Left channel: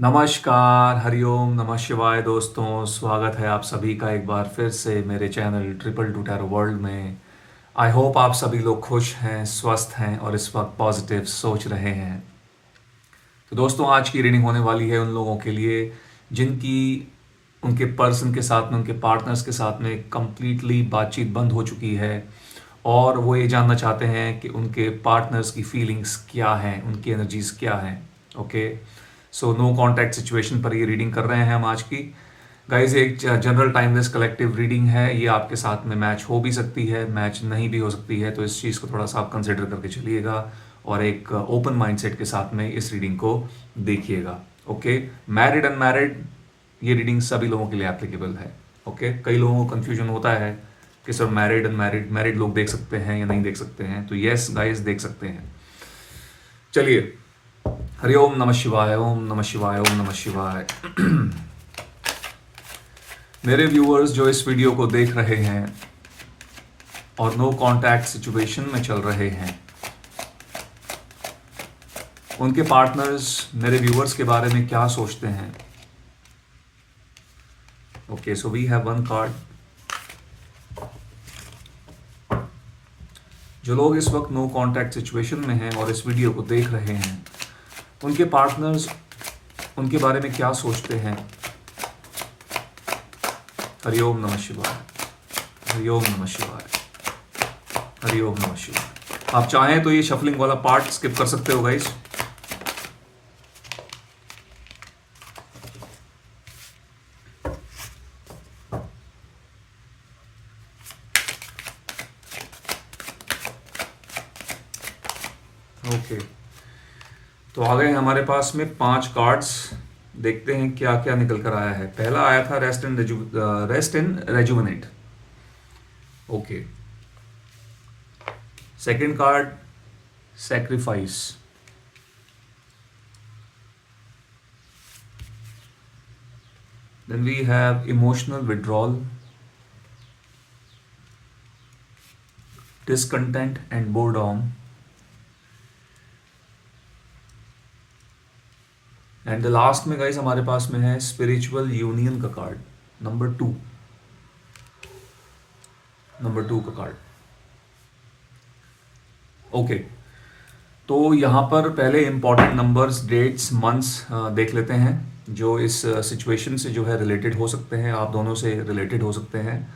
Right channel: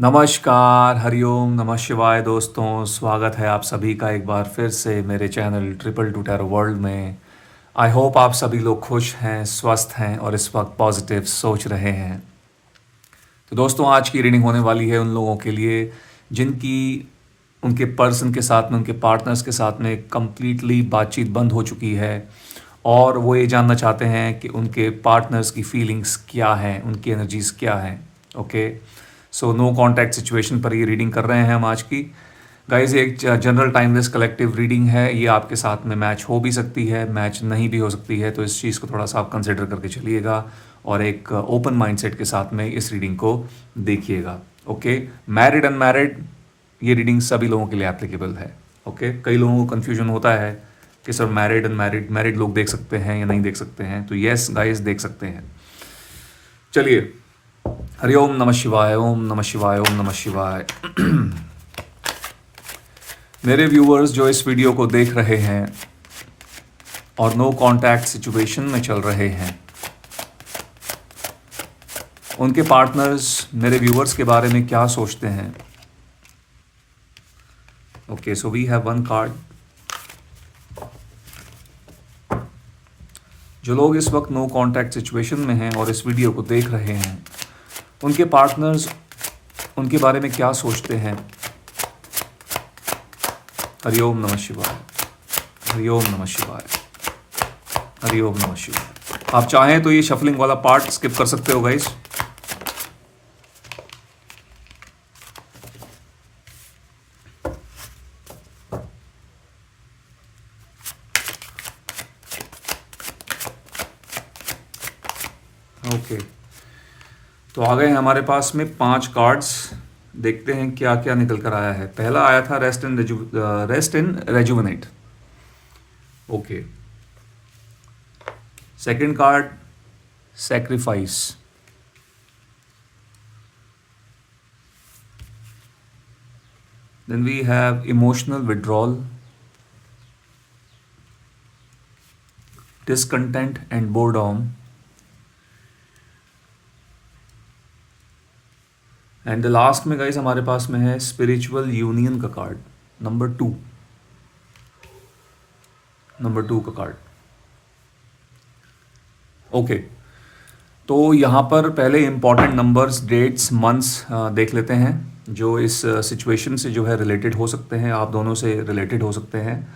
नमस्कार, हरिओम, नमः शिवाय दोस्तों। स्वागत है आप सभी का एक बार फिर से मेरे channel triple two tarot world में। आई होप आप सभी लोग खुश हैं, स्वस्थ हैं और इस वक्त पॉजिटिव सोच रहे हैं। तो दोस्तों, आज की रीडिंग होने वाली है उन लोगों के लिए जिनकी उनके पर्सन के साथ में, उनके पार्टनर्स के साथ में कंप्लीटली बातचीत बंद हो चुकी है और वो ये जानना चाहते हैं कि उनके पार्टनर्स की फीलिंग्स क्या हैं, उनकी एनर्जीज क्या हैं। Okay, so no contact situation पर ये रीडिंग कर रहे हैं हम आज की। गाइज, एक जनरल टाइमलेस कलेक्टिव रीडिंग है। ये आपके साथ में मैच हो भी सकती है, मैच नहीं भी हो सकती है, तो इस चीज़ को थोड़ा सा आप कंसिडर करके चलिएगा और एक ओपन माइंडसेट के साथ में इस रीडिंग को देखिएगा। ओके, मैरिड अनमैरिड, ये रीडिंग सभी लोगों के लिए एप्लीकेबल है। ओके, कई लोगों को कन्फ्यूजन होता है कि सर मैरिड अनमैरिड, मैरिड लोग देख सकते हैं या नहीं देख सकते हैं। तो यस गाइस, देख सकते हैं। चलिए, हरि ओम नमः शिवाय, ओम नमः शिवाय, ओम नमः शिवाय। मेरे व्यूअर्स जो इस वीडियो को देख रहे हैं और नो कांटेक्ट सिचुएशन में चल रहे हैं, उनके पार्टनर्स मेरे व्यूअर्स के बारे में क्या सोचते हैं। Okay, so we have one card. जो लोग इस वक्त नो कांटेक्ट सिचुएशन में हैं और इस वीडियो को देख रहे हैं, उनके पार्टनर्स उनके बारे में क्या सोचते हैं। हरिओम नमः शिवाय, हरिओम नमः शिवाय, हरिओम नमः शिवाय। आप चाहें तो ये शफलिंग वाला पार्ट स्किप कर सकते हो गाइस। ओके, तो आ गए हमारे पास में 5 कार्ड्स। देखते हैं क्या क्या निकल कर आया है। पहला आया था rest and rejuvenate. Okay, second card sacrifice. Then we have emotional withdrawal, discontent and boredom, and the last में गाइस हमारे पास में है स्पिरिचुअल यूनियन का कार्ड, नंबर 2, नंबर 2 का कार्ड। ओके, तो यहाँ पर पहले इंपॉर्टेंट नंबर्स, डेट्स, मंथ्स देख लेते हैं जो इस सिचुएशन से जो है रिलेटेड हो सकते हैं, आप दोनों से रिलेटेड हो सकते हैं।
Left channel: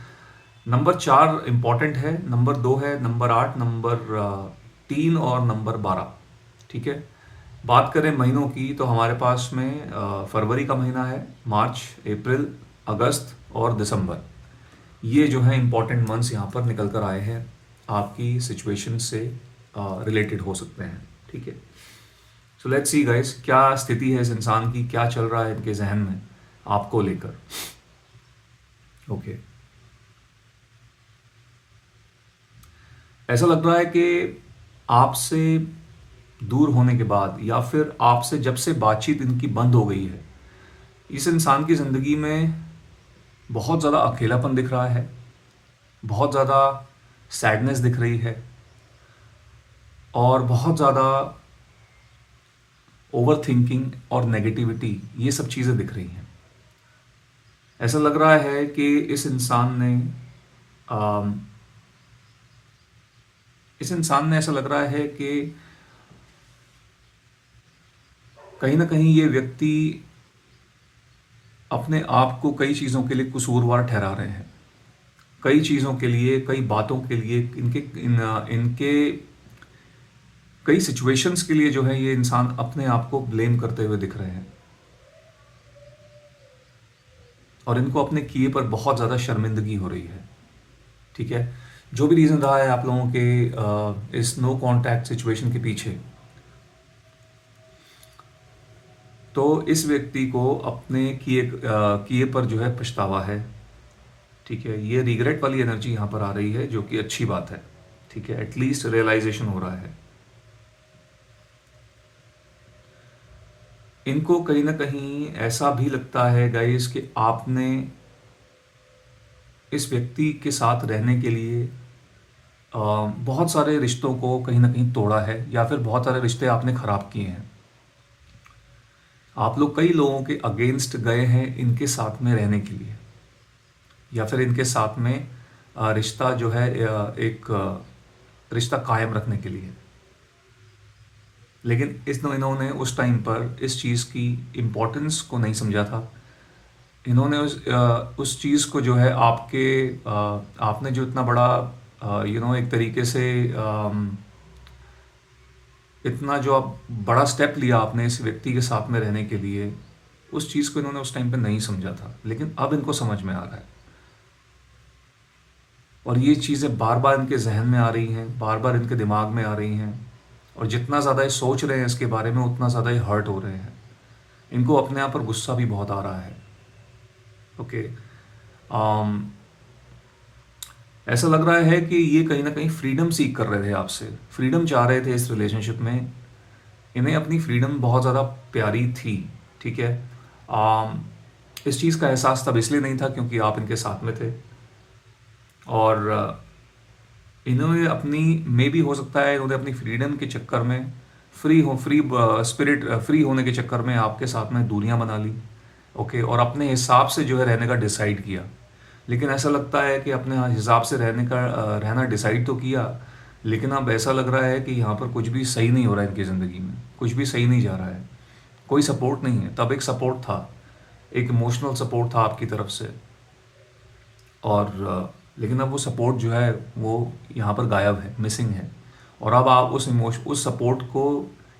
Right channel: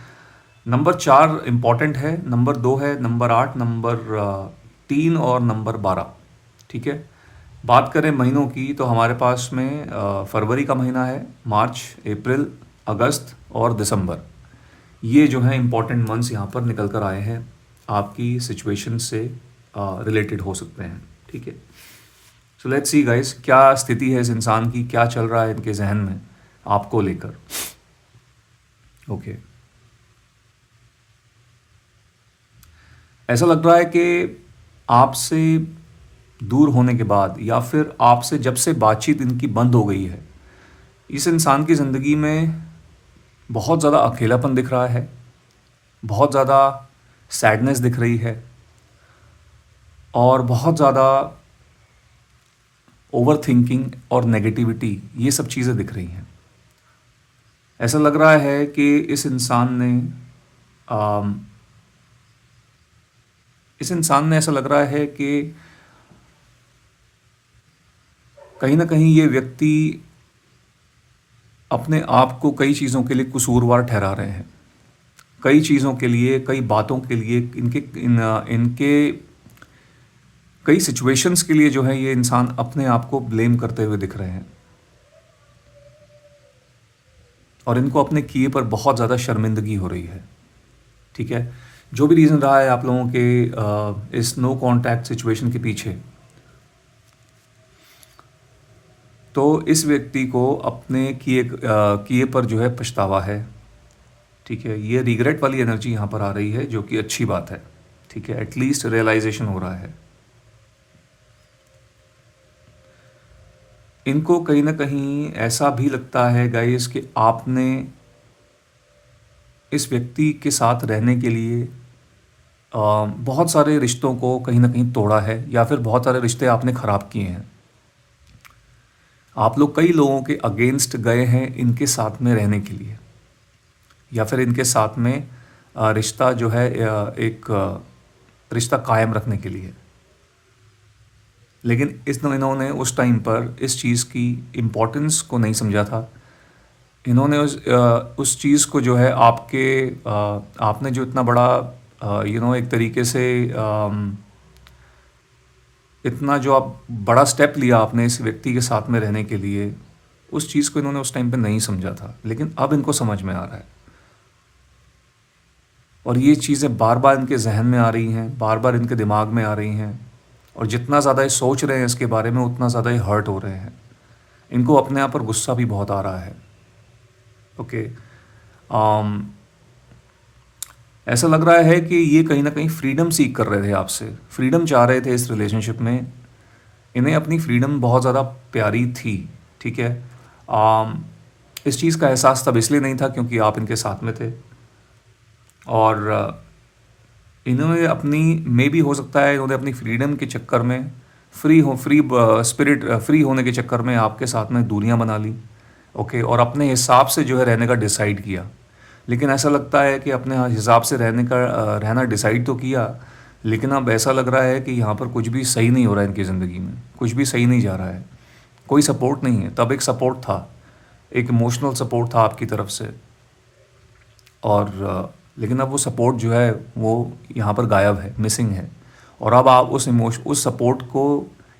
नंबर 4 इंपॉर्टेंट है, नंबर 2 है, नंबर 8, नंबर 3 और नंबर 12। ठीक है, बात करें महीनों की तो हमारे पास में फरवरी का महीना है, मार्च, अप्रैल, अगस्त और दिसंबर। ये जो है इंपॉर्टेंट मंथ्स यहाँ पर निकल कर आए हैं, आपकी सिचुएशन से रिलेटेड हो सकते हैं। ठीक है, सो लेट्स सी गाइस, क्या स्थिति है इस इंसान की, क्या चल रहा है इनके जहन में आपको लेकर। ओके, ऐसा लग रहा है कि आपसे दूर होने के बाद या फिर आपसे जब से बातचीत इनकी बंद हो गई है, इस इंसान की ज़िंदगी में बहुत ज़्यादा अकेलापन दिख रहा है, बहुत ज़्यादा सैडनेस दिख रही है और बहुत ज़्यादा ओवर थिंकिंग और नेगेटिविटी, ये सब चीज़ें दिख रही हैं। ऐसा लग रहा है कि अम, इस इंसान ने ऐसा लग रहा है कि कहीं ना कहीं ये व्यक्ति अपने आप को कई चीज़ों के लिए कसूरवार ठहरा रहे हैं, कई चीज़ों के लिए, कई बातों के लिए, इनके कई सिचुएशंस के लिए जो है ये इंसान अपने आप को ब्लेम करते हुए दिख रहे हैं और इनको अपने किए पर बहुत ज़्यादा शर्मिंदगी हो रही है। ठीक है, जो भी रीज़न रहा है आप लोगों के इस नो कांटेक्ट सिचुएशन के पीछे, तो इस व्यक्ति को अपने किए पर जो है पछतावा है। ठीक है, ये रिग्रेट वाली एनर्जी यहाँ पर आ रही है, जो कि अच्छी बात है। ठीक है, एटलीस्ट रियलाइजेशन हो रहा है। इनको कहीं ना कहीं ऐसा भी लगता है गाइस कि आपने इस व्यक्ति के साथ रहने के लिए बहुत सारे रिश्तों को कहीं ना कहीं तोड़ा है या फिर बहुत सारे रिश्ते आपने ख़राब किए हैं। आप लोग कई लोगों के अगेंस्ट गए हैं इनके साथ में रहने के लिए, या फिर इनके साथ में रिश्ता जो है एक रिश्ता कायम रखने के लिए। लेकिन इन्होंने उस टाइम पर इस चीज़ की इम्पोर्टेंस को नहीं समझा था। इन्होंने उस चीज़ को जो है आपने जो इतना बड़ा एक तरीके से इतना जो आप बड़ा स्टेप लिया आपने इस व्यक्ति के साथ में रहने के लिए, उस चीज़ को इन्होंने उस टाइम पे नहीं समझा था, लेकिन अब इनको समझ में आ रहा है। और ये चीज़ें बार बार इनके जहन में आ रही हैं, बार बार इनके दिमाग में आ रही हैं, और जितना ज़्यादा ये सोच रहे हैं इसके बारे में उतना ज़्यादा ये हर्ट हो रहे हैं। इनको अपने आप पर गुस्सा भी बहुत आ रहा है। ओके। um, ऐसा लग रहा है कि ये कहीं ना कहीं फ्रीडम सीख कर रहे थे आपसे, फ्रीडम चाह रहे थे इस रिलेशनशिप में। इन्हें अपनी फ्रीडम बहुत ज़्यादा प्यारी थी, ठीक है। इस चीज़ का एहसास तब इसलिए नहीं था क्योंकि आप इनके साथ में थे, और इन्होंने अपनी मे भी हो सकता है इन्होंने अपनी फ्रीडम के चक्कर में फ्री स्पिरिट फ्री होने के चक्कर में आपके साथ में दूरियां बना ली। ओके, और अपने हिसाब से जो है रहने का डिसाइड किया। लेकिन ऐसा लगता है कि अपने हिसाब से रहना डिसाइड तो किया, लेकिन अब ऐसा लग रहा है कि यहाँ पर कुछ भी सही नहीं हो रहा है इनकी ज़िंदगी में, कुछ भी सही नहीं जा रहा है, कोई सपोर्ट नहीं है। तब एक सपोर्ट था, एक इमोशनल सपोर्ट था आपकी तरफ से, और लेकिन अब वो सपोर्ट जो है वो यहाँ पर गायब है, मिसिंग है। और अब आप उस सपोर्ट को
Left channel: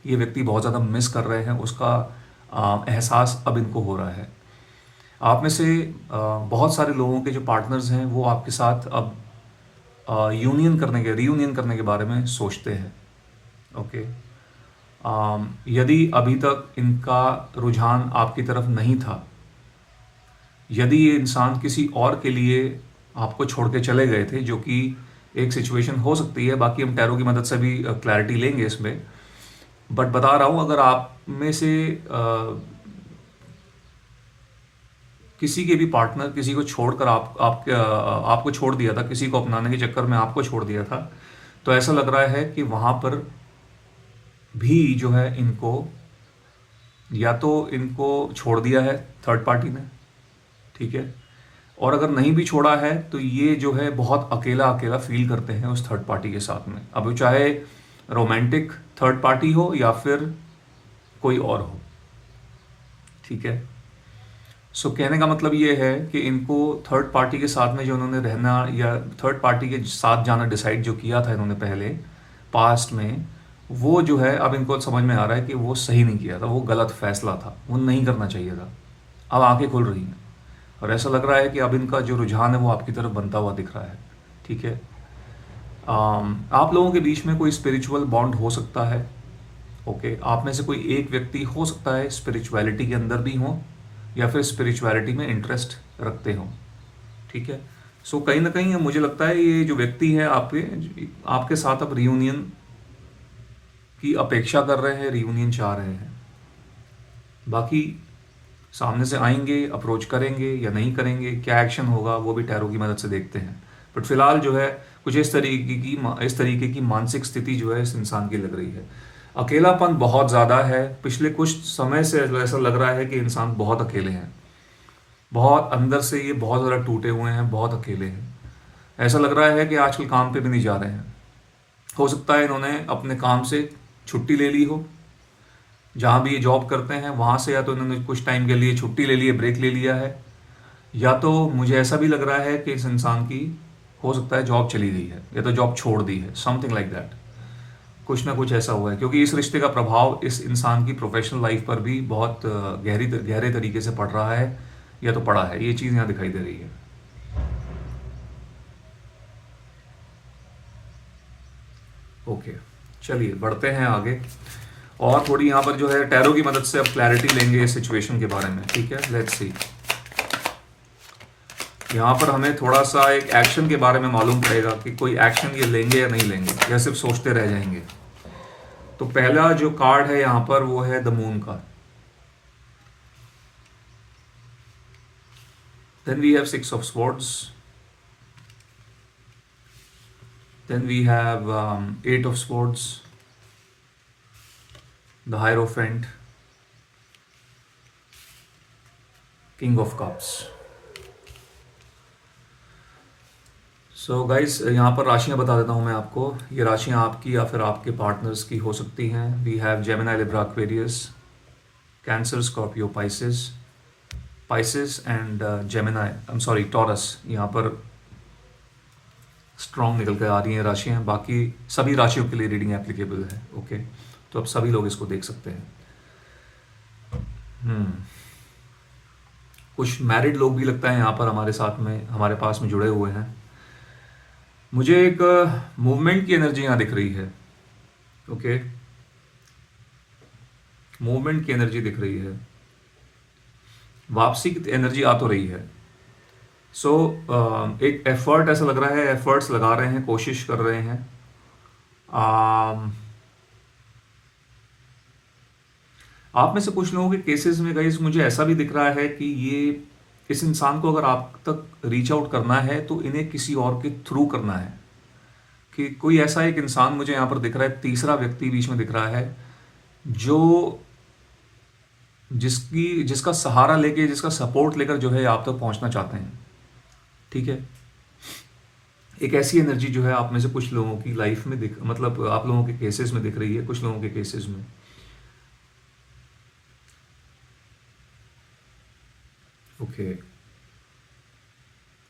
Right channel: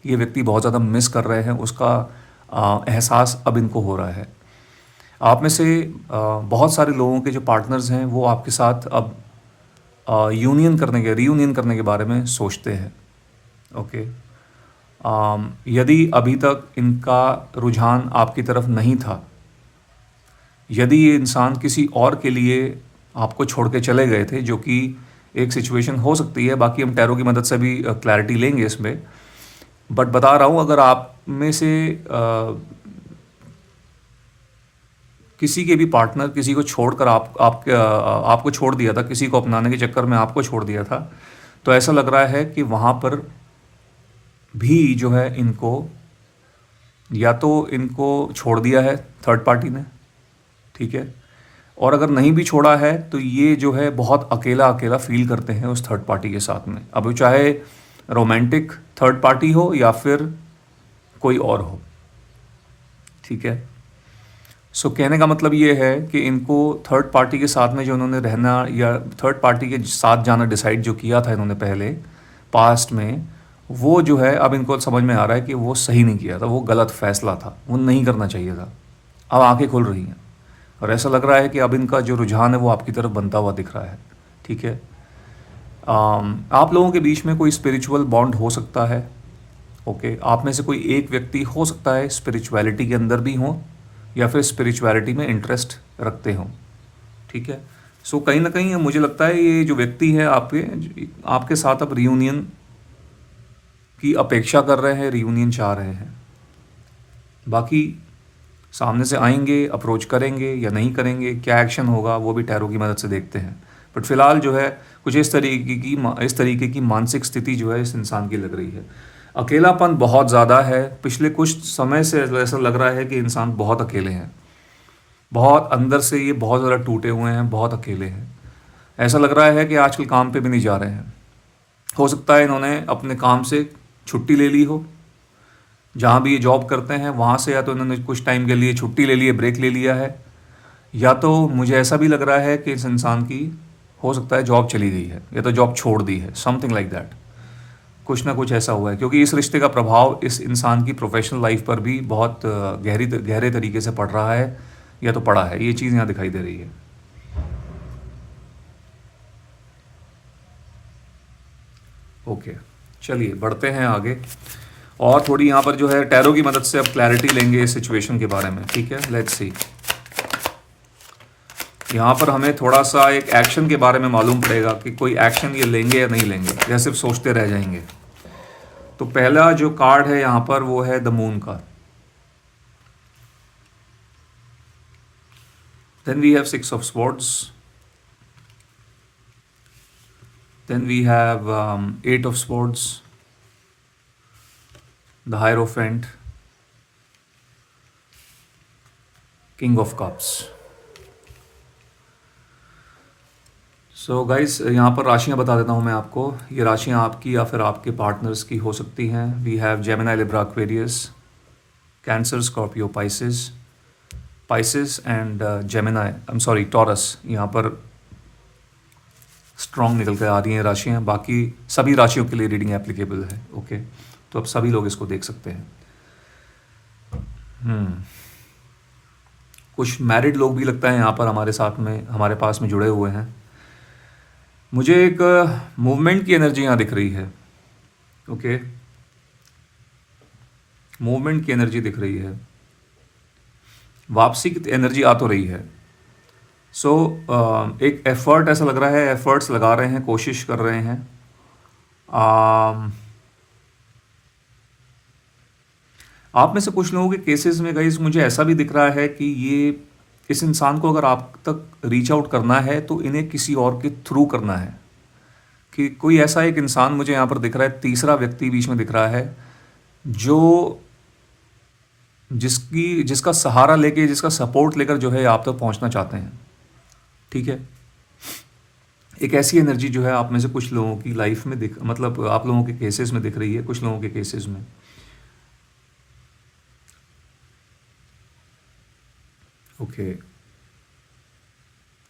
ये व्यक्ति बहुत ज़्यादा मिस कर रहे हैं, उसका एहसास अब इनको हो रहा है। आप में से बहुत सारे लोगों के जो पार्टनर्स हैं वो आपके साथ अब रीयूनियन करने के बारे में सोचते हैं। ओके। यदि अभी तक इनका रुझान आपकी तरफ नहीं था, यदि ये इंसान किसी और के लिए आपको छोड़ के चले गए थे, जो कि एक सिचुएशन हो सकती है, बाकी हम टैरो की मदद से भी क्लैरिटी लेंगे इसमें, बट बता रहा हूँ अगर आप में से किसी के भी पार्टनर किसी को छोड़कर आपको छोड़ दिया था, किसी को अपनाने के चक्कर में आपको छोड़ दिया था, तो ऐसा लग रहा है कि वहाँ पर भी जो है इनको, या तो इनको छोड़ दिया है थर्ड पार्टी ने, ठीक है, और अगर नहीं भी छोड़ा है तो ये जो है बहुत अकेला अकेला फील करते हैं उस थर्ड पार्टी के साथ में। अब वो चाहे रोमांटिक थर्ड पार्टी हो या फिर कोई और हो, ठीक है। सो कहने का मतलब ये है कि इनको थर्ड पार्टी के साथ में जो इन्होंने रहना या थर्ड पार्टी के साथ जाना डिसाइड जो किया था इन्होंने पहले पास्ट में, वो जो है अब इनको समझ में आ रहा है कि वो सही नहीं किया था, वो गलत फैसला था, वो नहीं करना चाहिए था। अब आंखें खुल रही हैं और ऐसा लग रहा है कि अब इनका जो रुझान है वो आपकी तरफ बनता हुआ दिख रहा है, ठीक है। आप लोगों के बीच में कोई स्पिरिचुअल बॉन्ड हो सकता है। ओके, आप में से कोई एक व्यक्ति हो सकता है स्पिरिचुअलिटी के अंदर भी हो या फिर स्पिरिचुअलिटी में इंटरेस्ट रखते हो, ठीक है। सो कहीं ना कहीं मुझे लगता है ये जो व्यक्ति है आपके आपके साथ अब रियूनियन की अपेक्षा कर रहे हैं, रियूनियन चाह रहे हैं। बाकी सामने से आएंगे, अप्रोच करेंगे या नहीं करेंगे, क्या एक्शन होगा वो भी टैरो की मदद से देखते हैं। बट फिलहाल जो है कुछ इस तरीके की मानसिक स्थिति जो है इस इंसान की लग रही है। अकेलापन बहुत ज़्यादा है, पिछले कुछ समय से ऐसा लग रहा है कि इंसान बहुत अकेले हैं, बहुत अंदर से ये बहुत ज़्यादा टूटे हुए हैं, बहुत अकेले हैं। ऐसा लग रहा है कि आजकल काम पे भी नहीं जा रहे हैं। हो सकता है इन्होंने अपने काम से छुट्टी ले ली हो, जहाँ भी ये जॉब करते हैं वहाँ से, या तो इन्होंने कुछ टाइम के लिए छुट्टी ले ली है, ब्रेक ले लिया है, या तो मुझे ऐसा भी लग रहा है कि इस इंसान की हो सकता है जॉब चली गई है या तो जॉब छोड़ दी है, समथिंग लाइक दैट। कुछ ना कुछ ऐसा हुआ है क्योंकि इस रिश्ते का प्रभाव इस इंसान की प्रोफेशनल लाइफ पर भी बहुत गहरे तरीके से पड़ रहा है, या तो पड़ा है। ये चीज़ यहाँ दिखाई दे रही है। ओके, चलिए बढ़ते हैं आगे, और थोड़ी यहाँ पर जो है टैरो की मदद से अब क्लैरिटी लेंगे इस सिचुएशन के बारे में, ठीक है। लेट्स सी, यहाँ पर हमें थोड़ा सा एक एक्शन के बारे में मालूम पड़ेगा कि कोई एक्शन ये लेंगे या नहीं लेंगे, या सिर्फ सोचते रह जाएंगे। तो पहला जो कार्ड है यहाँ पर वो है द मून का। Then we have six of swords, then we have eight of swords, the hierophant, king of cups. So guys, यहाँ पर राशियाँ बता देता हूँ मैं आपको। ये राशियाँ आपकी या फिर आपके पार्टनर्स की हो सकती हैं। We have Gemini, Libra, Aquarius, Cancer, Scorpio, Pisces, and Gemini, I am sorry, Taurus. यहाँ पर स्ट्रॉन्ग निकल कर आ रही हैं राशियाँ। बाकी सभी राशियों के लिए रीडिंग एप्लीकेबल है। ओके, तो अब सभी लोग इसको देख सकते हैं। हम्म कुछ मैरिड लोग भी लगता है यहाँ पर हमारे साथ में, हमारे पास में जुड़े हुए हैं। मुझे एक मूवमेंट की एनर्जी यहाँ दिख रही है। ओके, मूवमेंट की एनर्जी दिख रही है, वापसी की एनर्जी आ तो रही है। सो एक एफर्ट ऐसा लग रहा है, एफर्ट्स लगा रहे हैं, कोशिश कर रहे हैं। um, आप में से कुछ लोगों के केसेस में गाइस मुझे ऐसा भी दिख रहा है कि ये इस इंसान को अगर आप तक रीच आउट करना है तो इन्हें किसी और के थ्रू करना है। कि कोई ऐसा एक इंसान मुझे यहाँ पर दिख रहा है, तीसरा व्यक्ति बीच में दिख रहा है, जो जिसका सहारा लेके, जिसका सपोर्ट लेकर जो है आप तक पहुंचना चाहते हैं। ठीक है, एक ऐसी एनर्जी जो है आप में से कुछ लोगों की लाइफ में दिख, मतलब आप लोगों के केसेस में दिख रही है, कुछ लोगों के केसेस में। ओके,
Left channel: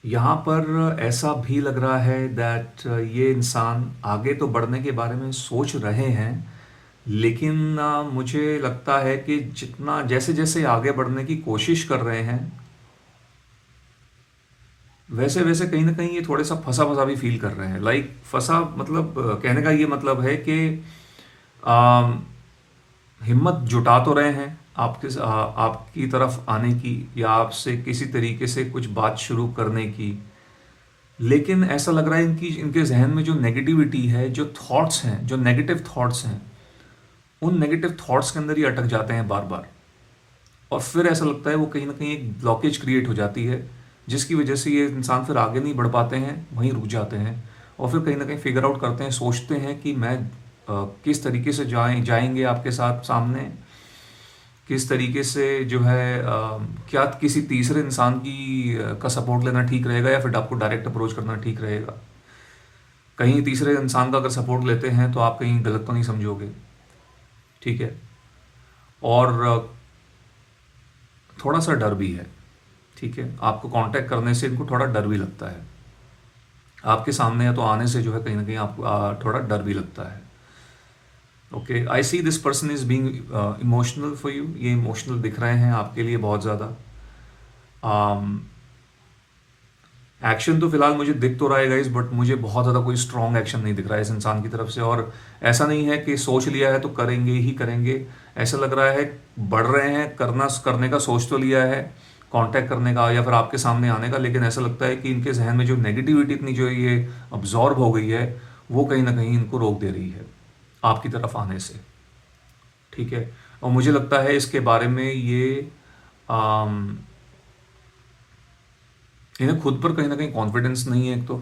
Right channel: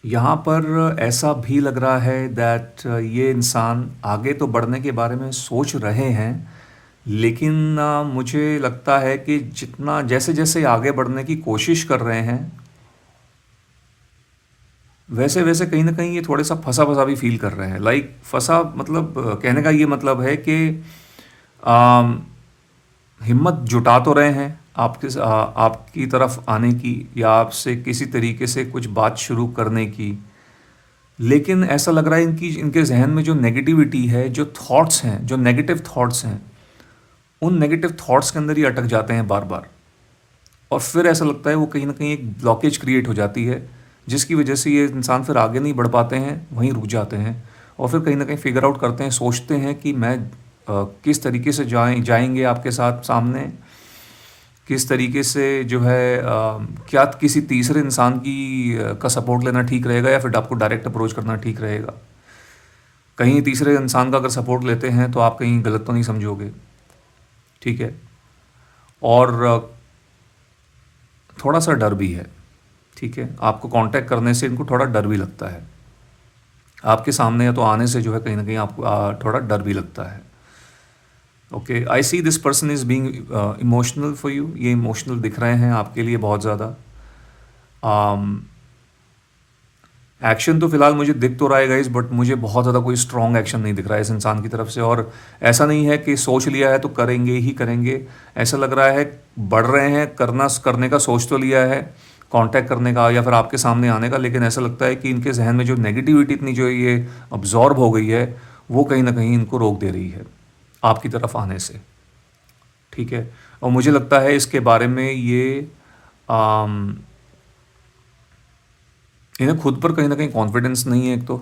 यहाँ पर ऐसा भी लग रहा है दैट ये इंसान आगे तो बढ़ने के बारे में सोच रहे हैं, लेकिन मुझे लगता है कि जितना जैसे जैसे आगे बढ़ने की कोशिश कर रहे हैं, वैसे वैसे कहीं ना कहीं ये थोड़े सा फंसा फंसा भी फील कर रहे हैं। लाइक फंसा मतलब कहने का ये मतलब है कि आम, हिम्मत जुटा तो रहे हैं आपकी तरफ आने की, या आपसे किसी तरीके से कुछ बात शुरू करने की, लेकिन ऐसा लग रहा है इनके जहन में जो नेगेटिविटी है, जो थॉट्स हैं, जो नेगेटिव थॉट्स हैं, उन नेगेटिव थॉट्स के अंदर ही अटक जाते हैं बार बार। और फिर ऐसा लगता है वो कहीं ना कहीं एक ब्लॉकेज क्रिएट हो जाती है, जिसकी वजह से ये इंसान फिर आगे नहीं बढ़ पाते हैं, वहीं रुक जाते हैं। और फिर कहीं ना कहीं फिगर आउट करते हैं, सोचते हैं कि मैं किस तरीके से जाएंगे आपके साथ सामने, किस तरीके से जो है क्या किसी तीसरे इंसान का सपोर्ट लेना ठीक रहेगा, या फिर आपको डायरेक्ट अप्रोच करना ठीक रहेगा। कहीं तीसरे इंसान का अगर सपोर्ट लेते हैं तो आप कहीं गलत तो नहीं समझोगे। ठीक है, और थोड़ा सा डर भी है। ठीक है, आपको कांटेक्ट करने से इनको थोड़ा डर भी लगता है, आपके सामने तो आने से जो है कहीं ना कहीं आपको थोड़ा डर भी लगता है। Okay, I see this person is being emotional for you. ये इमोशनल दिख रहे हैं आपके लिए बहुत ज़्यादा। एक्शन तो फिलहाल मुझे दिख तो रहा है गाइस, बट मुझे बहुत ज़्यादा कोई स्ट्रॉन्ग एक्शन नहीं दिख रहा है इस इंसान की तरफ से। और ऐसा नहीं है कि सोच लिया है तो करेंगे ही करेंगे, ऐसा लग रहा है बढ़ रहे हैं, करने का सोच तो लिया है, कांटेक्ट करने का या फिर आपके सामने आने का, लेकिन ऐसा लगता है कि इनके जहन में जो नेगेटिविटी इतनी जो ये अब्जॉर्ब हो गई है, वो कहीं ना कहीं इनको रोक दे रही है आपकी तरफ आने से। ठीक है, और मुझे लगता है इसके बारे में ये आम, इन्हें खुद पर कहीं ना कहीं कॉन्फिडेंस नहीं है। एक तो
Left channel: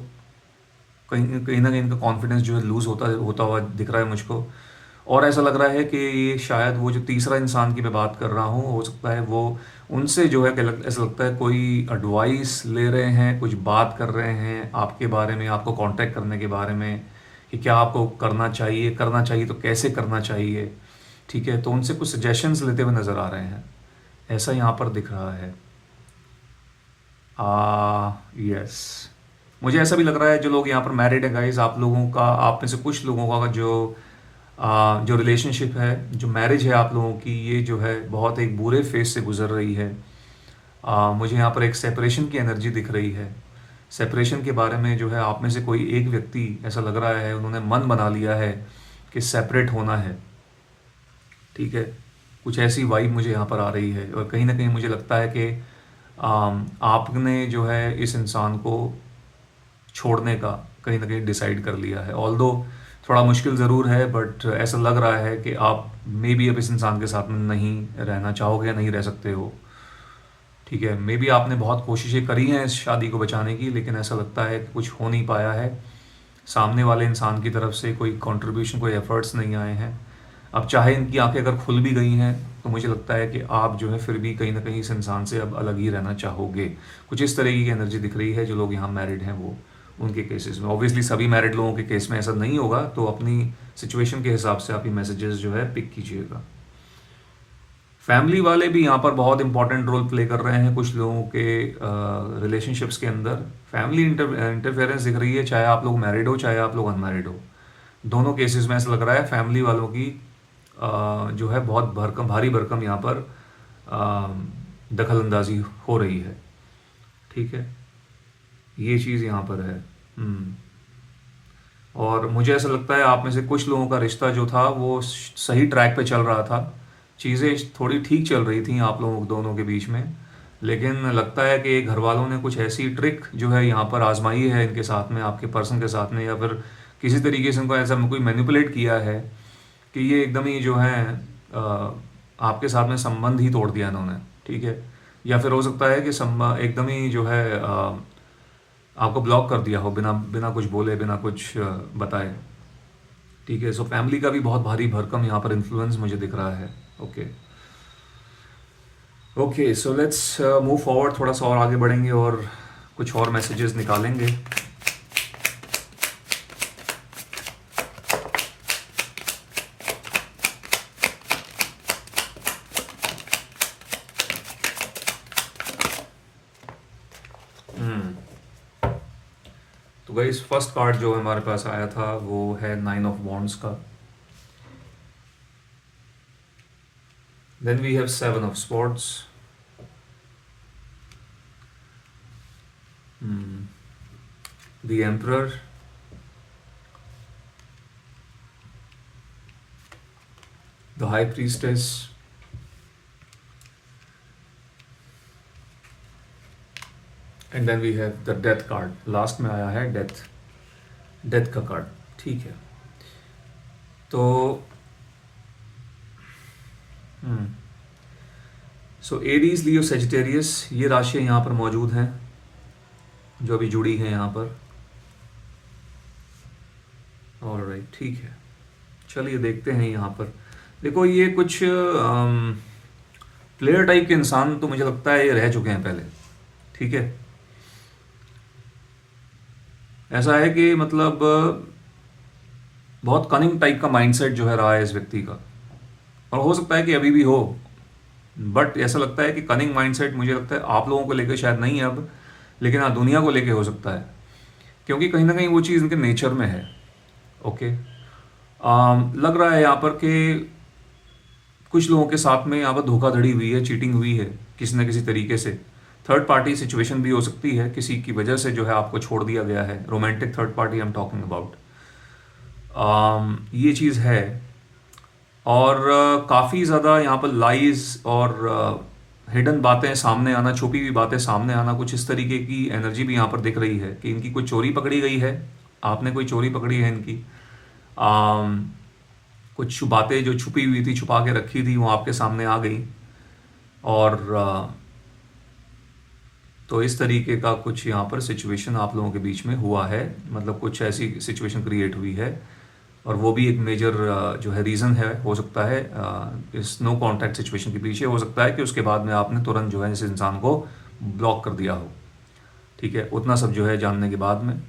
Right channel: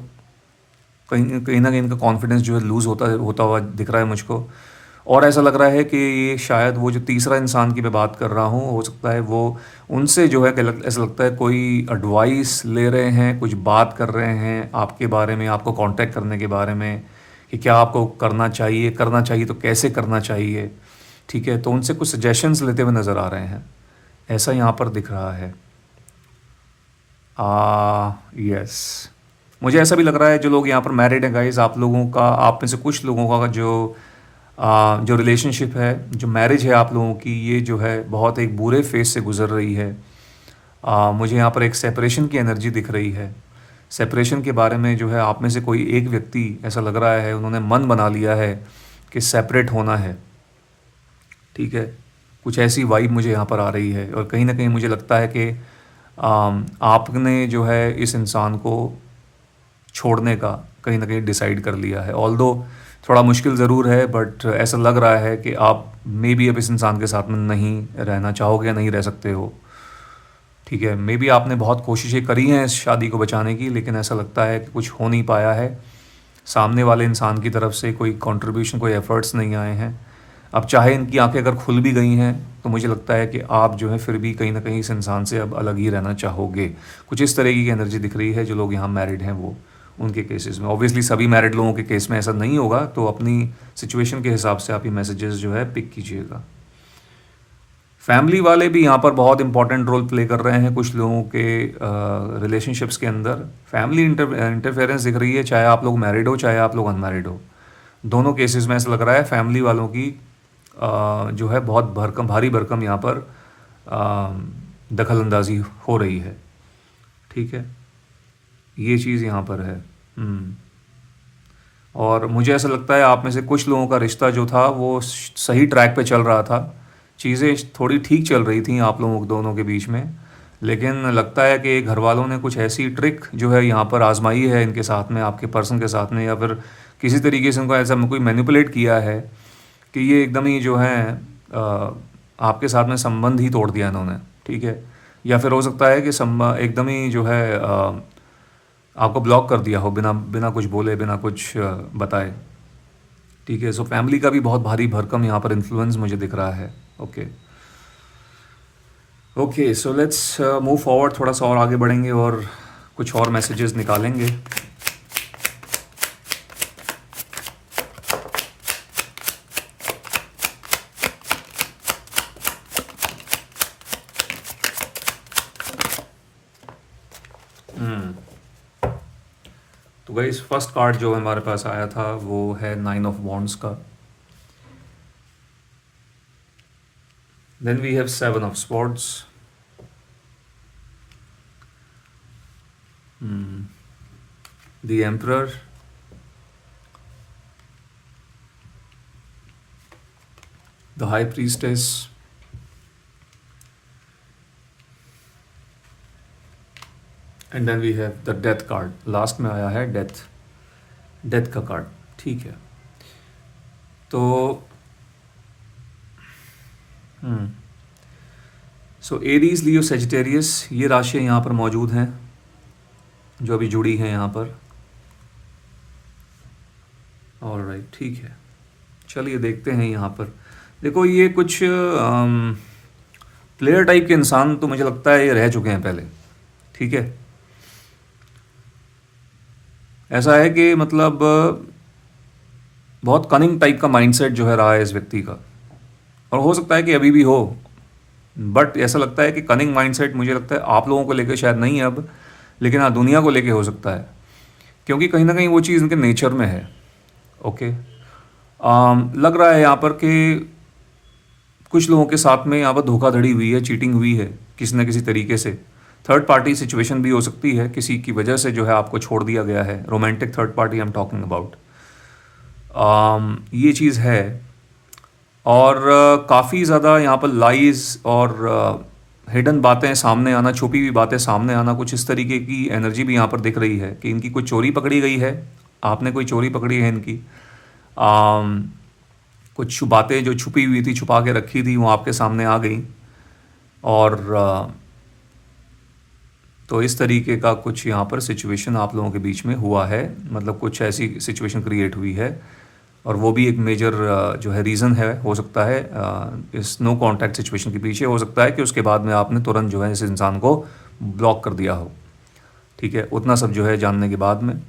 कहीं कहीं ना कहीं इनका कॉन्फिडेंस जो है लूज़ होता हुआ दिख रहा है मुझको। और ऐसा लग रहा है कि ये शायद वो जो तीसरा इंसान की मैं बात कर रहा हूँ, हो सकता है वो उनसे जो है ऐसा लगता है कोई एडवाइस ले रहे हैं, कुछ बात कर रहे हैं आपके बारे में, आपको कांटेक्ट करने के बारे में, कि क्या आपको करना चाहिए तो कैसे करना चाहिए। ठीक है, तो उनसे कुछ सजेशंस लेते हुए नज़र आ रहे हैं, ऐसा यहाँ पर दिख रहा है। यस, मुझे ऐसा भी लग रहा है जो लोग यहाँ पर मैरिड हैं गाइज, आप में से कुछ लोगों का जो रिलेशनशिप है, जो मैरिज है आप लोगों की, ये जो है बहुत एक बुरे फेज से गुजर रही है। मुझे यहाँ पर एक सेपरेशन की एनर्जी दिख रही है। सेपरेशन के बारे में जो है आप में से कोई एक व्यक्ति ऐसा लग रहा है उन्होंने मन बना लिया है कि सेपरेट होना है। ठीक है, कुछ ऐसी वाइब मुझे यहाँ पर आ रही है, और कहीं ना कहीं मुझे लगता है कि आपने जो है इस इंसान को छोड़ने का कहीं ना कहीं डिसाइड कर लिया है। ऑल्दो थोड़ा मुश्किल ज़रूर है, बट ऐसा लग रहा है कि आप मे बी अब इस इंसान के साथ में नहीं रहना चाहोगे या नहीं रह सकते हो। ठीक है, मे बी आपने बहुत कोशिशें करी हैं इस शादी को बचाने की, लेकिन ऐसा लगता है कि कुछ हो नहीं पाया है। सामने वाले इंसान की तरफ से कोई कंट्रीब्यूशन, कोई एफर्ट्स नहीं आए हैं। अब चाहे इनकी आंखें अगर खुल भी गई हैं तो मुझे लगता है कि आप जो है फिर भी कहीं ना कहीं इस इंसान से अब अलग ही रहना चाहोगे। कुछ इस तरीके की एनर्जी दिख रही है जो लोग यहाँ मैरिड हैं वो, उनके केसेस में। ऑब्वियसली सभी मैरिड लोगों के केस में ऐसा नहीं होगा, तो अपनी सिचुएशन के हिसाब से आप ये मैसेजेस जो है पिक कीजिएगा। फैमिली वाले भी यहाँ पर बहुत इंपॉर्टेंट रोल प्ले कर रहे हैं कुछ लोगों के रिलेशनशिप्स के अंदर। फैमिली इंटरफेरेंस दिख रही है, चाहे आप लोग मैरिड हो चाहे आप लोग अनमैरिड हो। दोनों केसेस में ऐसा लग रहा है फैमिली वालों की जो है बहुत भरकम भारी भरकम यहाँ पर दखल अंदाजी हो रही है। ठीक है, ये चीज़ यहाँ पर है। और मुझे ऐसा लगता है आप में से कुछ लोगों का रिश्ता जो था वो सही ट्रैक पे चल रहा था, चीज़ें थोड़ी ठीक चल रही थी आप लोगों दोनों के बीच में। लेकिन लगता है कि घर वालों ने कुछ ऐसी ट्रिक जो है यहाँ पर आजमाई है इनके साथ में, आपके पर्सन के साथ में, या फिर किसी तरीके से उनको ऐसा कोई मैनिपुलेट किया है कि ये एकदम ही जो है आपके साथ में संबंध ही तोड़ दिया इन्होंने। ठीक है, या फिर हो सकता है कि एकदम ही जो है आपको ब्लॉक कर दिया हो बिना बिना कुछ बोले, बिना कुछ बताए। ठीक है, सो फैमिली का भी बहुत भारी भरकम यहाँ पर इन्फ्लुएंस मुझे दिख रहा है। Okay okay, so let's move forward, थोड़ा सा और आगे बढ़ेंगे और कुछ और मैसेजेस निकालेंगे। तो गाइस फर्स्ट कार्ड जो हमारे पास आया था वो है 9 ऑफ वॉन्ड्स का। Then we have 7 of swords, the emperor, the high priestess, and then we have the death card. Last में आया है डेथ, डेथ का कार्ड। ठीक है, तो सो एरीज, लियो, सेजिटेरियस, ये राशियाँ यहाँ पर मौजूद हैं जो अभी जुड़ी हैं यहाँ पर। ऑलराइट, ठीक है, चलिए देखते हैं यहाँ पर। देखो ये कुछ प्लेयर टाइप के इंसान तो मुझे लगता है ये रह चुके हैं पहले। ठीक है, ऐसा है कि मतलब बहुत कनिंग टाइप का माइंडसेट जो है रहा है इस व्यक्ति का, और हो सकता है कि अभी भी हो, बट ऐसा लगता है कि कनिंग माइंडसेट मुझे लगता है आप लोगों को लेकर शायद नहीं है अब, लेकिन हाँ दुनिया को लेके हो सकता है, क्योंकि कहीं ना कहीं वो चीज़ इनके नेचर में है। ओके, लग रहा है यहाँ पर कि कुछ लोगों के साथ में यहाँ पर धोखाधड़ी हुई है, चीटिंग हुई है किसी न किसी तरीके से। थर्ड पार्टी सिचुएशन भी हो सकती है, किसी की वजह से जो है आपको छोड़ दिया गया है। Romantic third party I am talking about, ये चीज़ है। और काफ़ी ज़्यादा यहाँ पर लाइज और हिडन बातें सामने आना, छुपी हुई बातें सामने आना, कुछ इस तरीके की एनर्जी भी यहाँ पर दिख रही है कि इनकी कोई चोरी पकड़ी गई है, आपने कोई चोरी पकड़ी है इनकी। कुछ बातें जो छुपी हुई थी, छुपा के रखी थी, वो आपके सामने आ गई। और तो इस तरीके का कुछ यहाँ पर सिचुएशन आप लोगों के बीच में हुआ है, मतलब कुछ ऐसी सिचुएशन क्रिएट हुई है, और वो भी एक मेजर जो है रीज़न है, हो सकता है इस नो कांटेक्ट सिचुएशन के पीछे। हो सकता है कि उसके बाद में आपने तुरंत जो है इस इंसान को ब्लॉक कर दिया हो। ठीक है, उतना सब जो है जानने के बाद में,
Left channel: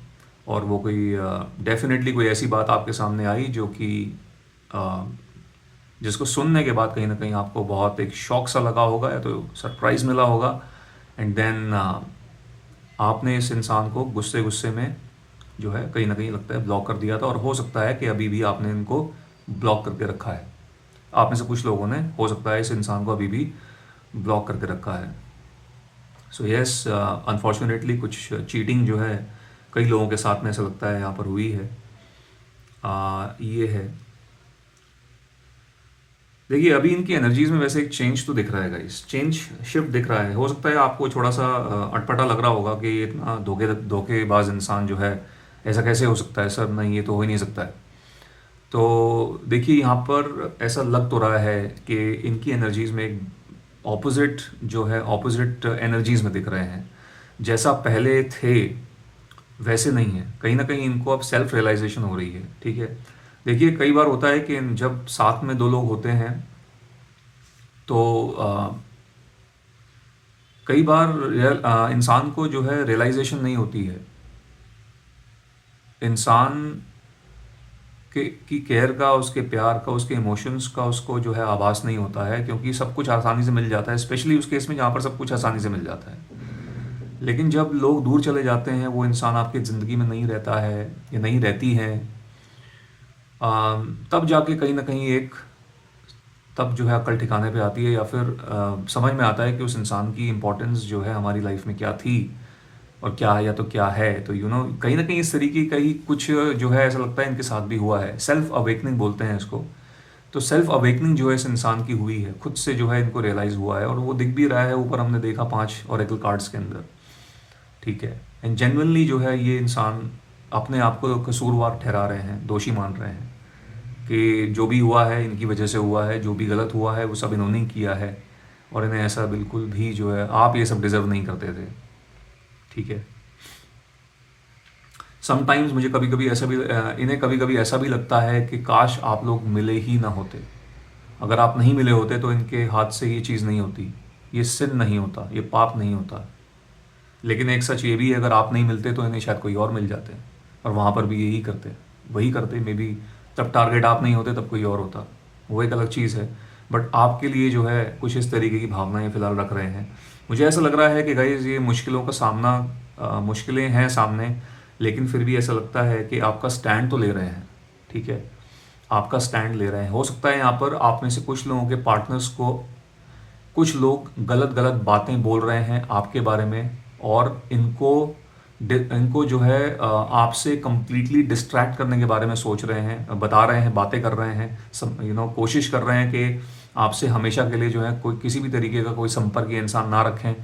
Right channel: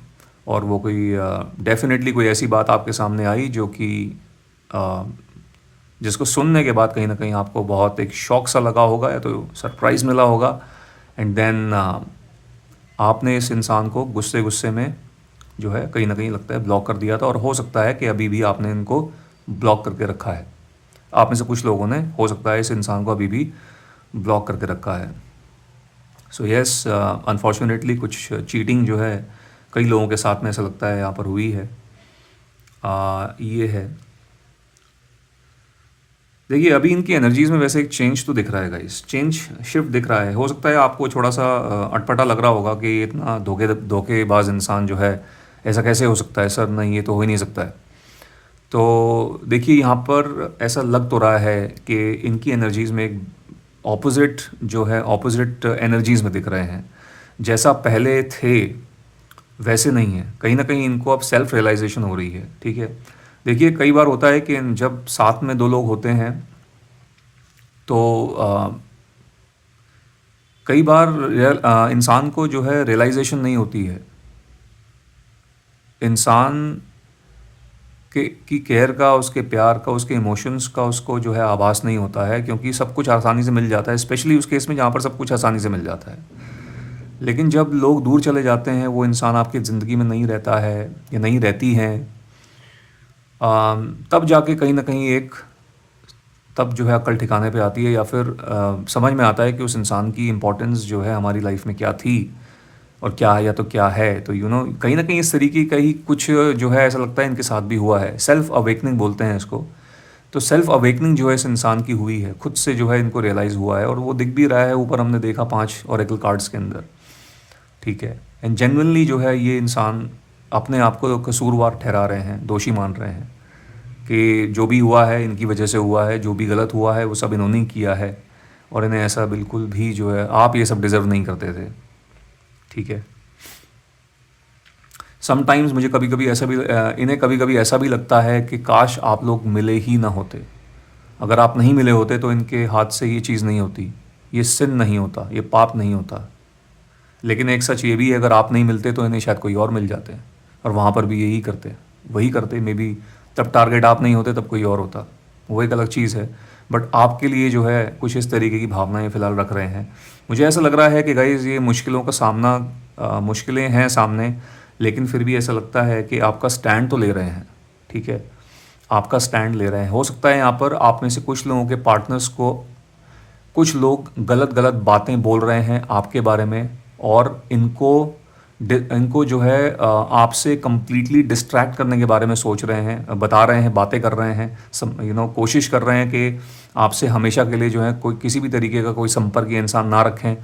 और वो कोई डेफिनेटली कोई ऐसी बात आपके सामने आई जो कि जिसको सुनने के बाद कहीं ना कहीं आपको बहुत एक शॉक सा लगा होगा या तो सरप्राइज़ मिला होगा, एंड देन आपने इस इंसान को गुस्से गुस्से में जो है कहीं ना कहीं लगता है ब्लॉक कर दिया था, और हो सकता है कि अभी भी आपने इनको ब्लॉक करके रखा है। आप में से कुछ लोगों ने हो सकता है इस इंसान को अभी भी ब्लॉक करके रखा है। सो यस, अनफॉर्चुनेटली कुछ चीटिंग जो है कई लोगों के साथ में ऐसा लगता है यहाँ पर हुई है। ये है, देखिए अभी इनकी एनर्जीज में वैसे एक चेंज तो दिख रहा है गाइस, चेंज शिफ्ट दिख रहा है। हो सकता है आपको थोड़ा सा अटपटा लग रहा होगा कि इतना धोखेबाज इंसान जो है ऐसा कैसे हो सकता है सर, नहीं ये तो हो ही नहीं सकता है। तो देखिए यहाँ पर ऐसा लग तो रहा है कि इनकी एनर्जीज में एक ऑपोजिट जो है, ऑपोजिट एनर्जीज में दिख रहे हैं। जैसा पहले थे वैसे नहीं है, कहीं ना कहीं इनको अब सेल्फ रियलाइजेशन हो रही है। ठीक है, देखिए कई बार होता है कि जब साथ में दो लोग होते हैं तो कई बार इंसान को जो है रियलाइजेशन नहीं होती है। इंसान के की केयर का, उसके प्यार का, उसके इमोशंस का उसको जो है आभास नहीं होता है, क्योंकि सब कुछ आसानी से मिल जाता है, स्पेशली उस केस में जहाँ पर सब कुछ आसानी से मिल जाता है। लेकिन जब लोग दूर चले जाते हैं, वो इंसान आपकी ज़िंदगी में नहीं रहता है या नहीं रहती हैं, तब जाके कहीं ना कहीं एक तब जो है अक्ल ठिकाने पे आती है, या फिर समझ में आता है कि उस इंसान की इम्पोर्टेंस जो है हमारी लाइफ में क्या थी और क्या है, या तो क्या है। तो कहीं ना कहीं इस तरीके का ही कुछ जो है ऐसा लगता है इनके साथ भी हुआ है। सेल्फ अवेकनिंग बोलते हैं इसको। तो सेल्फ अवेकनिंग जो है इस इंसान की हुई है, खुद से जो है इनको रियलाइज़ हुआ है, और वो दिख भी रहा है। ऊपर हमने देखा 5 ओरेकल कार्ड्स के अंदर, ठीक है। एंड जेन्युइनली जो है ये इंसान अपने आप को कसूरवार ठहरा रहे हैं, दोषी मान रहे हैं कि जो भी हुआ है इनकी वजह से हुआ है, जो भी गलत हुआ है वो सब इन्होंने ही किया है, और इन्हें ऐसा बिल्कुल भी जो है, आप ये सब डिज़र्व नहीं करते थे, ठीक है। समटाइम्स मुझे कभी कभी ऐसा भी इन्हें कभी कभी ऐसा भी लगता है कि काश आप लोग मिले ही ना होते। अगर आप नहीं मिले होते तो इनके हाथ से ये चीज़ नहीं होती, ये सिन नहीं होता, ये पाप नहीं होता। लेकिन एक सच ये भी है, अगर आप नहीं मिलते तो इन्हें शायद कोई और मिल जाते हैं, और वहाँ पर भी यही करते, वही करते मे बी। तब टारगेट आप नहीं होते, तब कोई और होता, वो एक अलग चीज़ है। बट आपके लिए जो है कुछ इस तरीके की भावनाएं फ़िलहाल रख रहे हैं। मुझे ऐसा लग रहा है कि गाइज़ ये मुश्किलों का सामना, मुश्किलें हैं सामने, लेकिन फिर भी ऐसा लगता है कि आपका स्टैंड तो ले रहे हैं, ठीक है। आपका स्टैंड ले रहे हैं। हो सकता है यहाँ पर आप में से कुछ लोगों के पार्टनर्स को कुछ लोग गलत गलत बातें बोल रहे हैं आपके बारे में, और इनको जो है आपसे कंप्लीटली डिस्ट्रैक्ट करने के बारे में सोच रहे हैं, बता रहे हैं, बातें कर रहे हैं, कोशिश कर रहे हैं कि आपसे हमेशा के लिए जो है कोई किसी भी तरीके का कोई संपर्क ये इंसान ना रखें,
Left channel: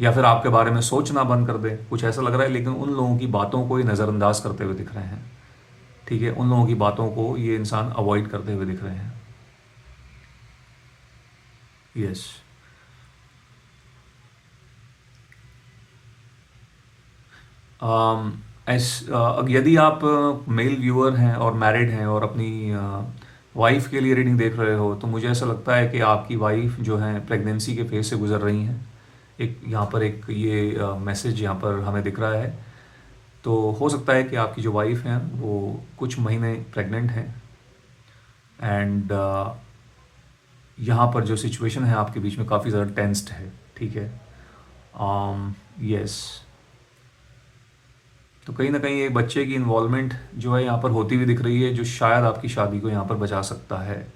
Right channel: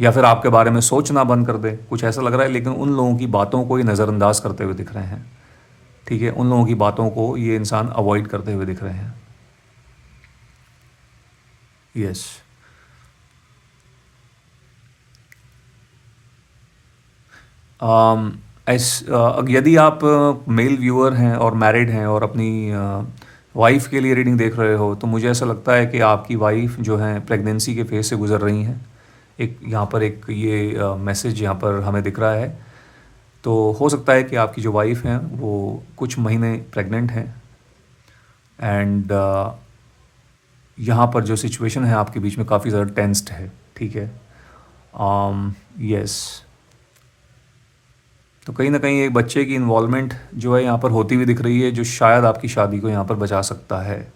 या फिर आपके बारे में सोचना बंद कर दे, कुछ ऐसा लग रहा है। लेकिन उन लोगों की बातों को ये नज़रअंदाज करते हुए दिख रहे हैं, ठीक है। उन लोगों की बातों को ये इंसान अवॉइड करते हुए दिख रहे हैं। यस। यदि आप मेल व्यूअर हैं और मैरिड हैं और अपनी वाइफ के लिए रीडिंग देख रहे हो, तो मुझे ऐसा लगता है कि आपकी वाइफ जो है प्रेगनेंसी के फेज से गुजर रही हैं। एक यहाँ पर एक ये मैसेज यहाँ पर हमें दिख रहा है। तो हो सकता है कि आपकी जो वाइफ हैं वो कुछ महीने प्रेग्नेंट हैं, एंड यहाँ पर जो सिचुएशन है आपके बीच में काफ़ी ज़्यादा टेंस्ड है, ठीक है। यस। तो कहीं ना कहीं एक बच्चे की इन्वॉल्वमेंट जो है यहाँ पर होती हुई दिख रही है, जो शायद आपकी शादी को यहाँ पर बचा सकता है,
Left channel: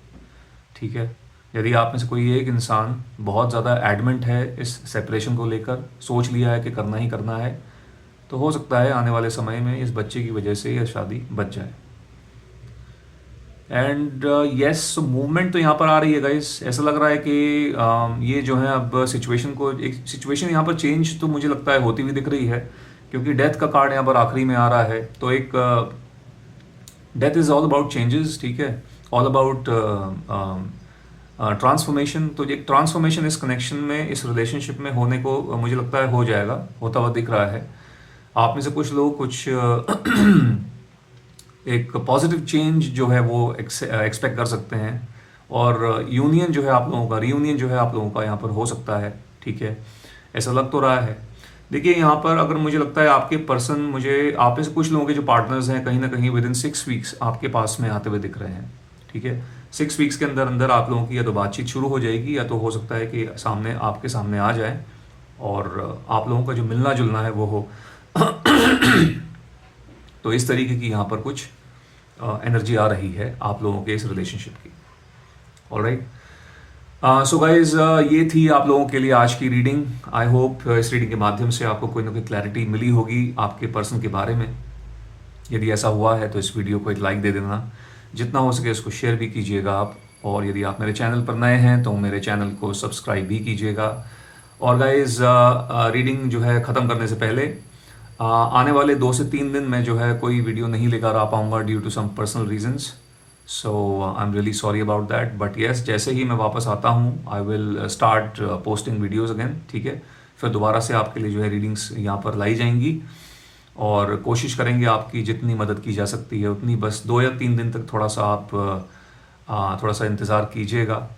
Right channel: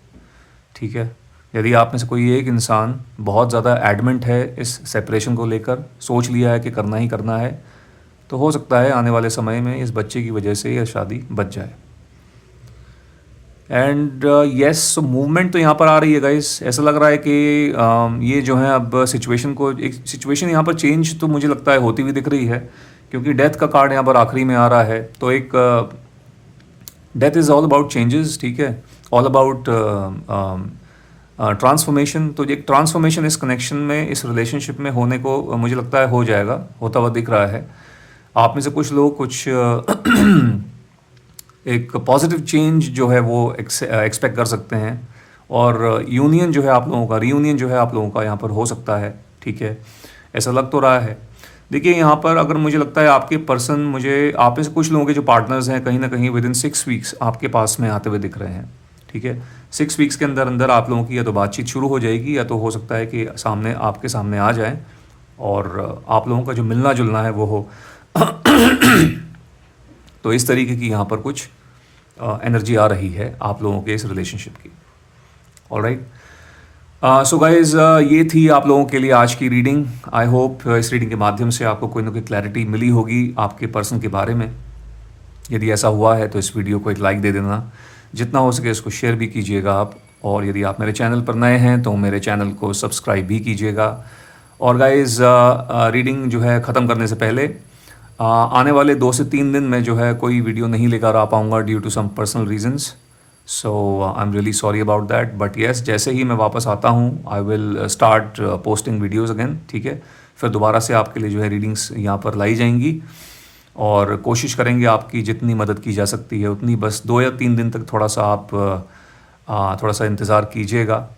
ठीक है। यदि आप में से कोई एक इंसान बहुत ज़्यादा एडमेंट है इस सेपरेशन को लेकर, सोच लिया है कि करना ही करना है, तो हो सकता है आने वाले समय में इस बच्चे की वजह से यह शादी बच जाए। एंड यस, मूवमेंट तो यहाँ पर आ रही है गाइस। ऐसा लग रहा है कि ये जो है अब एक सिचुएशन यहाँ पर चेंज तो मुझे लगता है होती हुई दिख रही है, क्योंकि डेथ का कार्ड यहाँ पर आखिरी में आ रहा है। तो एक death is all about changes, ठीक है, ऑल अबाउट ट्रांसफॉर्मेशन। तो एक ट्रांसफॉर्मेशन इस कनेक्शन में, इस रिलेशनशिप में होने को मुझे लगता है हो जाएगा, होता हुआ दिख रहा है। आप में से कुछ लोग कुछ एक पॉजिटिव चेंज जो है वो एक्सपेक्ट कर सकते हैं, और यूनियन जो है आप लोगों का, रीयूनियन जो है आप लोगों का यहाँ पर हो सकता है, ठीक है। ऐसा लग तो रहा है। देखिए यहाँ पर अगर मुझे लगता है आपके पर्सन, मुझे आप में से कुछ लोगों के जो पार्टनर्स हैं कहीं ना कहीं विद इन 6 वीक्स आपके पास में आते हुए दिख रहे हैं, ठीक है। 6 वीक्स के अंदर अंदर आप लोगों की या तो बातचीत शुरू हो जाएगी, या तो हो सकता है कि आपके सामने आ जाए, और आप लोगों का जो मिलना जुलना है वो हो। तो इस तरीके की यहाँ पर कुछ एनर्जी आ रही है आप लोगों के इस रिलेशनशिप की। ऑलराइट। सो गाइज, ये थी आप लोगों के लिए आज की रीडिंग। आई होप इस रीडिंग के माध्यम से आपको कोई ना कोई क्लैरिटी मिली होगी आपके पर्सन के बारे में। यदि ऐसा हुआ है तो इस वीडियो को एक लाइक दे देना, जितना हो सके इसको शेयर भी कीजिएगा आप, और यदि आप मेरे चैनल पर नए हैं तो मेरे चैनल को सब्सक्राइब भी कीजिएगा। और गाइज, रीडिंग जो है ख़त्म करने से पहले आने वाले 2 से 3 दिन में जो है कोई वीडियो नहीं लेकर आ पाऊँगा due to some personal reasons. So I am really sorry about that, but yes, जैसे ही मैं वापस आता हूँ I will start posting videos again, ठीक है। फिर दोबारा से आपके लिए जो है रीडिंग्स यहाँ पर लाई जाएंगी। और कोशिश करेंगे आपकी जितनी मदद की जा सकती है उतनी, बस 2 या 3 दिन तक थोड़ा सा आप थोड़ा सा इंतज़ार कीजिएगा।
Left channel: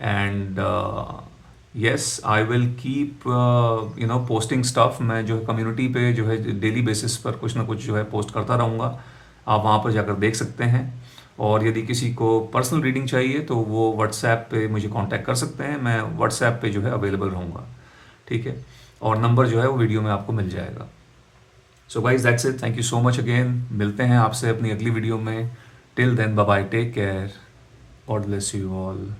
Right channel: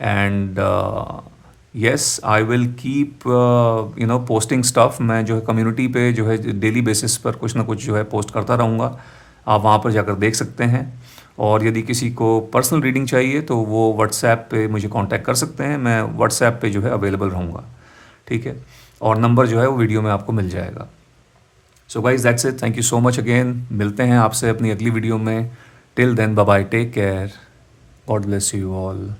And yes, I will keep posting stuff. मैं जो है कम्युनिटी पे जो है डेली बेसिस पर कुछ ना कुछ जो है पोस्ट करता रहूँगा, आप वहाँ पर जाकर देख सकते हैं। और यदि किसी को पर्सनल रीडिंग चाहिए तो वो व्हाट्सएप पे मुझे कांटेक्ट कर सकते हैं, मैं व्हाट्सएप पे जो है अवेलेबल रहूँगा। ठीक है, और नंबर जो है वो वीडियो में आपको मिल जाएगा। So guys that's it, thank you so much again, मिलते हैं आपसे अपनी अगली वीडियो में। Till then bye bye, take care, God bless you all.